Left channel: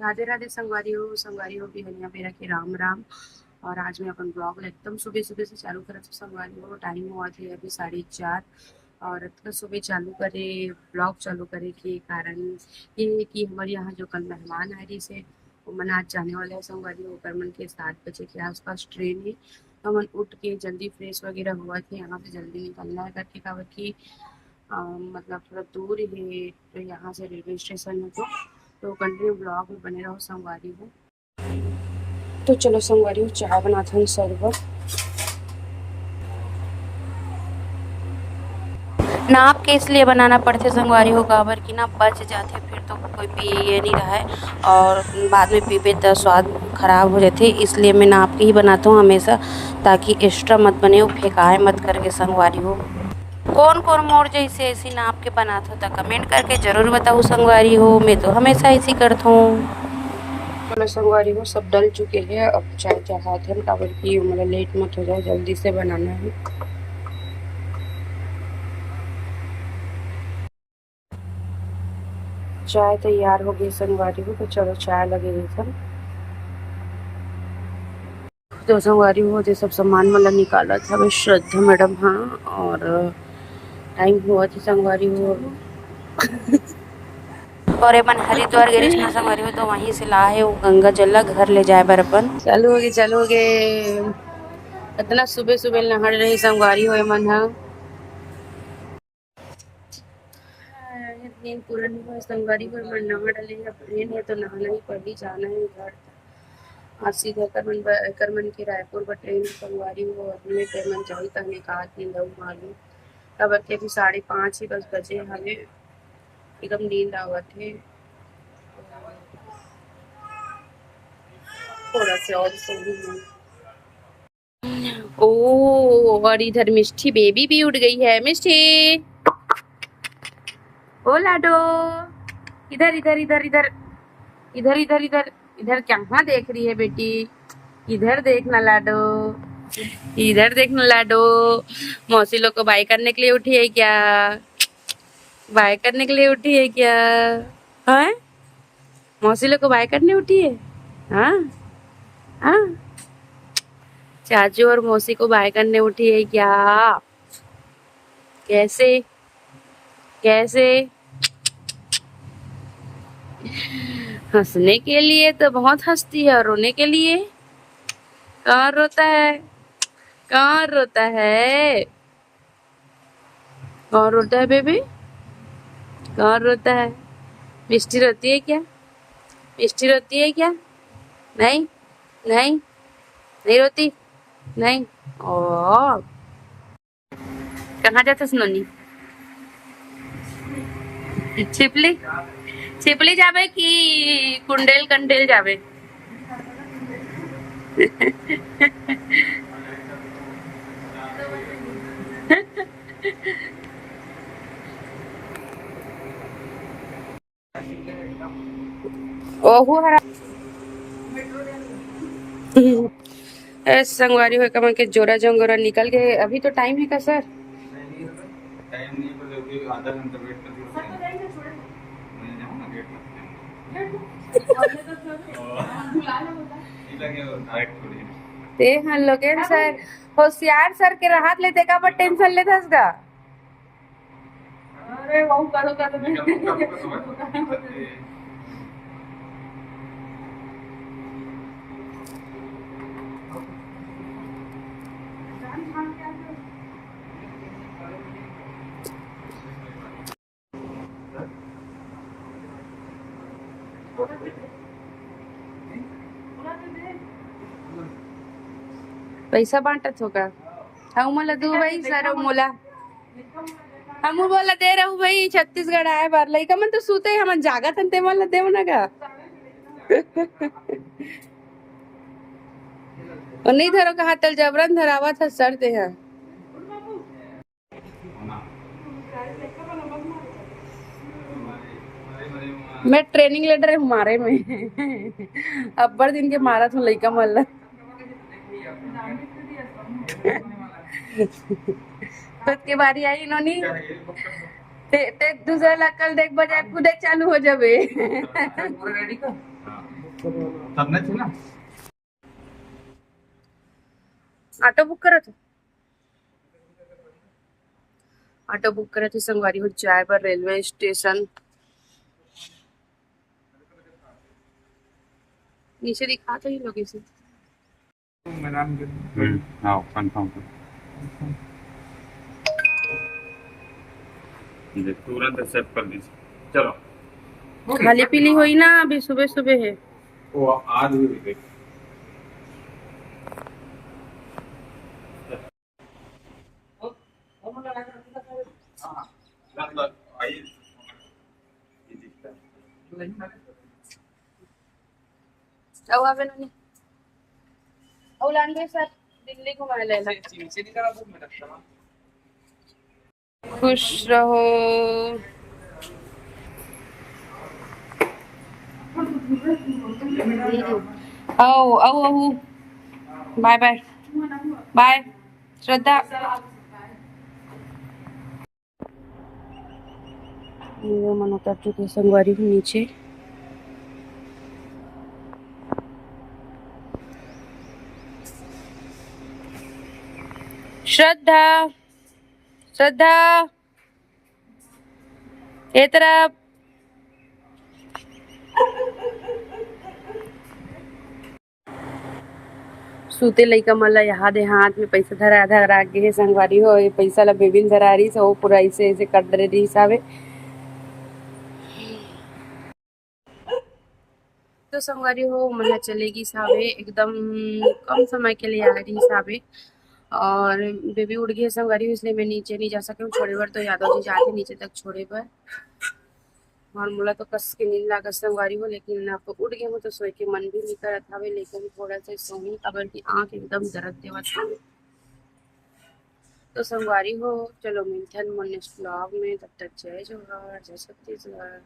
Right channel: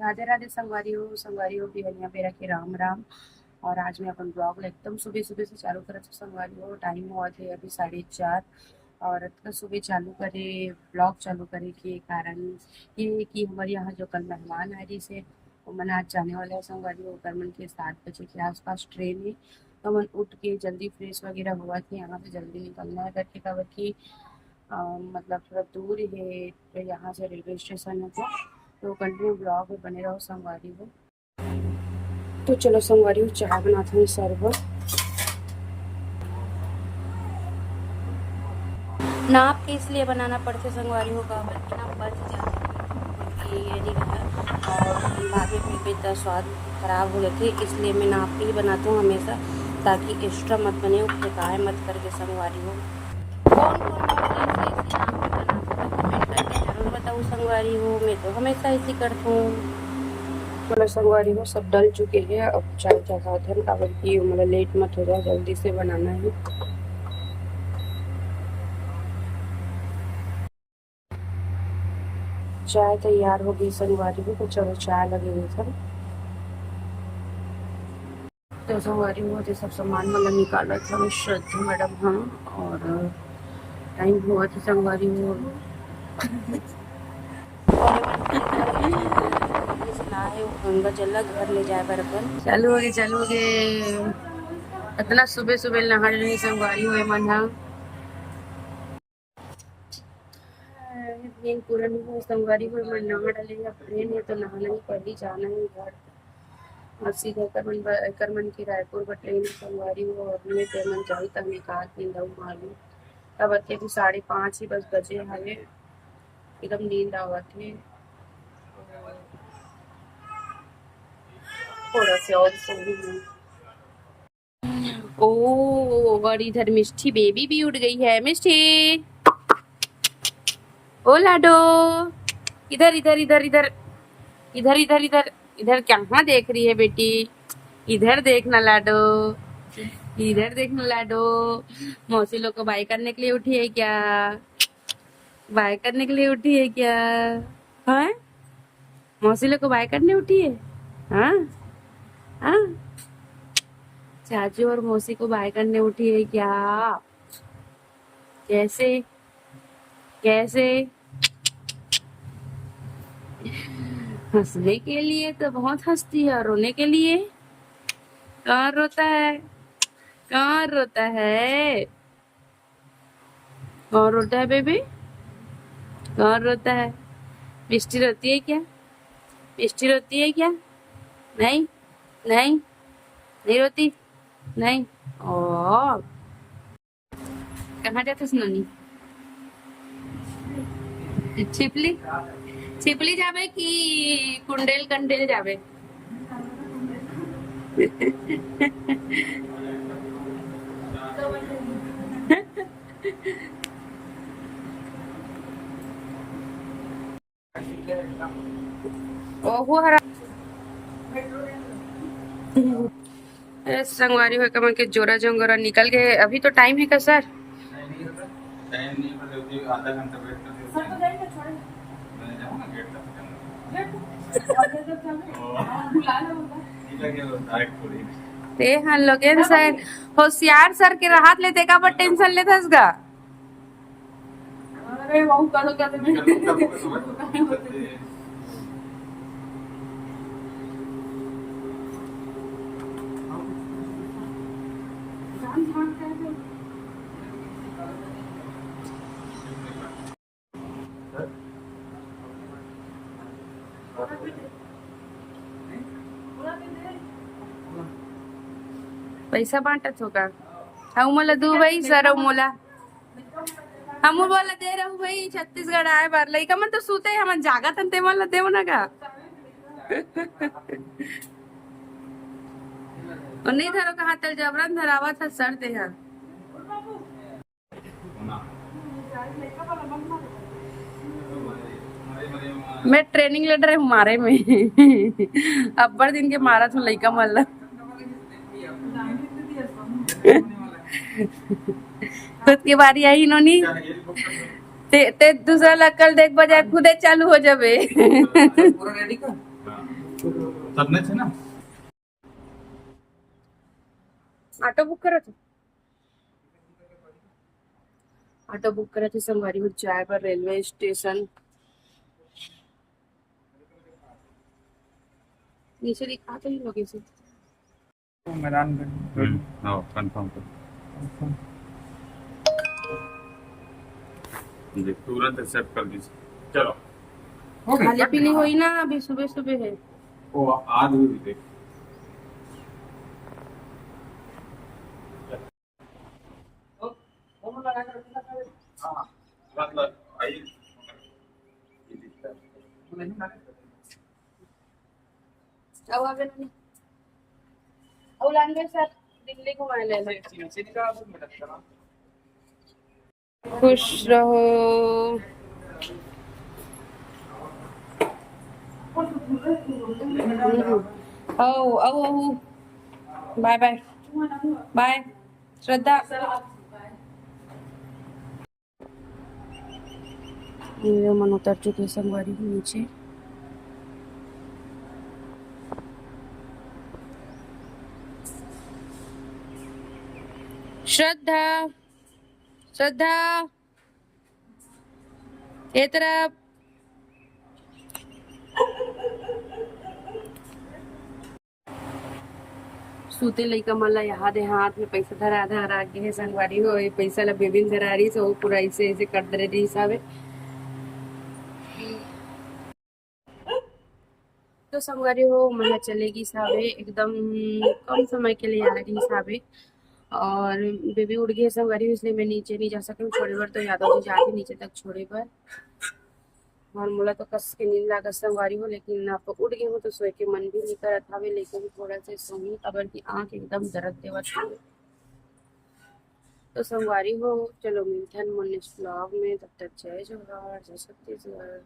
राधे राधे संगवारी हो बिहनिया बेरा के राम राम। और आज मैं अपन ब्लॉग एकदम सुबह सुबह से चालू करा तो संगवारी हो टाइम हुआ थे अभी 4:30। और इतना सुबह चालू करे ब्लॉग चालू करे के कारण ये है कि हमारे यहाँ जो कल मेहमान आए रही से वो मन आज जाने वाले हैं संगवारी हो कर मन के 7 बजे के आसपास ट्रेन है। तो मन उठ के जल्दी फ्रेश वगैरह हुआ थे यहाँ से जल्दी निकलना है करके काबर की मतलब थोड़ा दूर है तो यहाँ से रेलवे स्टेशन है तो कंटिन्यू ब्लॉग में बने रहो संगवारी हो। तो चलो संगवारी हो चाय बनाते हैं सर्व नाप के इसलिए बनाना पड़ते संगवारी हो काबर की ना बच जाते फिर तो कोई पिए नहीं रहा है और बाद में पीबे तो स्वाद खराब हो जाते, इसलिए मैं नाप के ही बनाता हूँ हमेशा ताकि एक्स्ट्रा मत बने हो फेंकाए मत करके संगवारी हो। कौन कौन मोर जैसे ऐसी नाप के बनाते हो तो कमेंट करके ज़रूर बताओ संगवारी हो, मैं तो हमेशा ऐसी करता हूँ। चलो संगवारी हो सब डल चुके हैं अब चाय चढ़ाते हैं काबर की मतलब लेट मत हो जाए जल्दी से बनाना है। चाय तैयार हो गई संगवारी हो तो चलो चाय लगे हुए सर। तो संगवारी हो जो सब सामान मतलब निकाला था मैं श्रद्धा मैडम हाँ। और टाइम हुआ था संगवारी हो और अपन हरिद्वार गए ना संगवारी हो तो वहीं से लाए वो गंगा जल घर ले जाए बर अपन। चालू हो गए इतना सुबह सुबह नहाड़ रही संगवारी हो मन हा नींद पूरा नहीं हुआ संगवारी हो मन नहा डले अब ट्रेन है तो नहाना ही पड़ी जाना है घर। आज सीधा कर मन के रायपुर पर ट्रेन संगवारी हो और मैं ट्रेन मन जाही तहने कहा कि लऊ मालूम तब के भी 5:30 ही बस बजे हवे एकदम नींद आवत है थोड़ा से और सोऊं मैं। ओ और इधर मिष्टी बेबी भी उठ गई है मिष्टी ओ लाडो इधर इधर इधर इधर इधर इधर इधर इधर कहाँ देख रही है बेटी इधर देखना लाडो इधर देखना लाडो मौसी लोग को बाय करने के लिए उठी है क्या बाय करने के लिए उठी है क्या हाँ मौसी लोग को बाय करने उठी है हाँ हाँ चाचू और मौसी को बाय करने उठी है क्या कैसे कैसे हंसने के लिए तो बहुत हंसती है और रोने के लिए कहाँ रोता है कहाँ रोता है कौन रोता है बेबी कौन रोता है मिष्टी रोती है क्या मिष्टी रोती है क्या नहीं नहीं नहीं रोती नहीं ओ कहाँ जाते सुनोनी छिपली छिपली जाबे कि कुंडेल कंडेल जाबे ओहो हरा संगवारी हो कमन के जोरा जंगोरा निकल गए अभी तो टाइम है का सर टाइम नहीं पर आधा घंटा वेट ते हम लोग सर होशियार सर के राहत लेते का पर टेंशन लेते उसका अरे वो करो पैसा बांटत होगा हम मला दू भाई सर मोला हम बोला दे रहू भाई छत्तीसगढ़ आए बार लइका मन तो सूते हमन जागत हन ते मन ला देव ना का और नहीं धरो कहा तल जबरन धरावा था सर दे हैं मैं ट्रेनिंग ले रही हूँ मारे में अब्बर दिन के मारा था लइका मन ला खुद की बारी आई इन्होंने ते दूसरा ला कल देख बजाय खुदे चालू हो जाबे करना है ना। ऑटो बुक करा था, ऑटो बुक करे थे संगवारी हो जाए पर रेलवे स्टेशन। नीचे दिखा तो ही लोकेशन। हाँ कंफर्म कर, तुरंत एक्सेप्ट कर दीजिए। चलो खाली पीली हुई ना, अभी सुबह सुबह है। वो आज भी देख। अब आवे नहीं, अब लान गए सर दिल्ली घुमाए ले ला। खुश रहो। आओ आओ आओ, बाय बाय बाय श्रद्धा। ये मन उतर चुके संगवारी हूँ नीचे। श्रद्धा श्रद्धा ये तरफ। सूते लइका मन ला याद है, हाथ में पैसा धरा धरा के संगवारी हो, ये पैसा ला बेबिन धरा रही सो पूरा ऐसे ऐसे कर दे रही हिसाबे। तो संगवारी हो मन चलेगी सावे एकदम कम समय के लिए आ रही सावे, और बेबी उड़ गई है संगवारी हो, इसलिए मैं नीचे नहीं जा सके छोड़े बर। तो यादव जी जाते नीचे तक छोड़े बर, और मोला तो कस के नींद लागत संगवारी हो, लेकिन अब उठ गए हो तो सोए के मन भी नहीं करत हवे, लेकिन थोड़ा सा सोही काबर की आंख एकदम दर्द देवत हवे। तो संगवारी हो चलो मिलथन मोर नेक्स्ट ब्लॉग में, तब तक जय जोहार जय छत्तीसगढ़।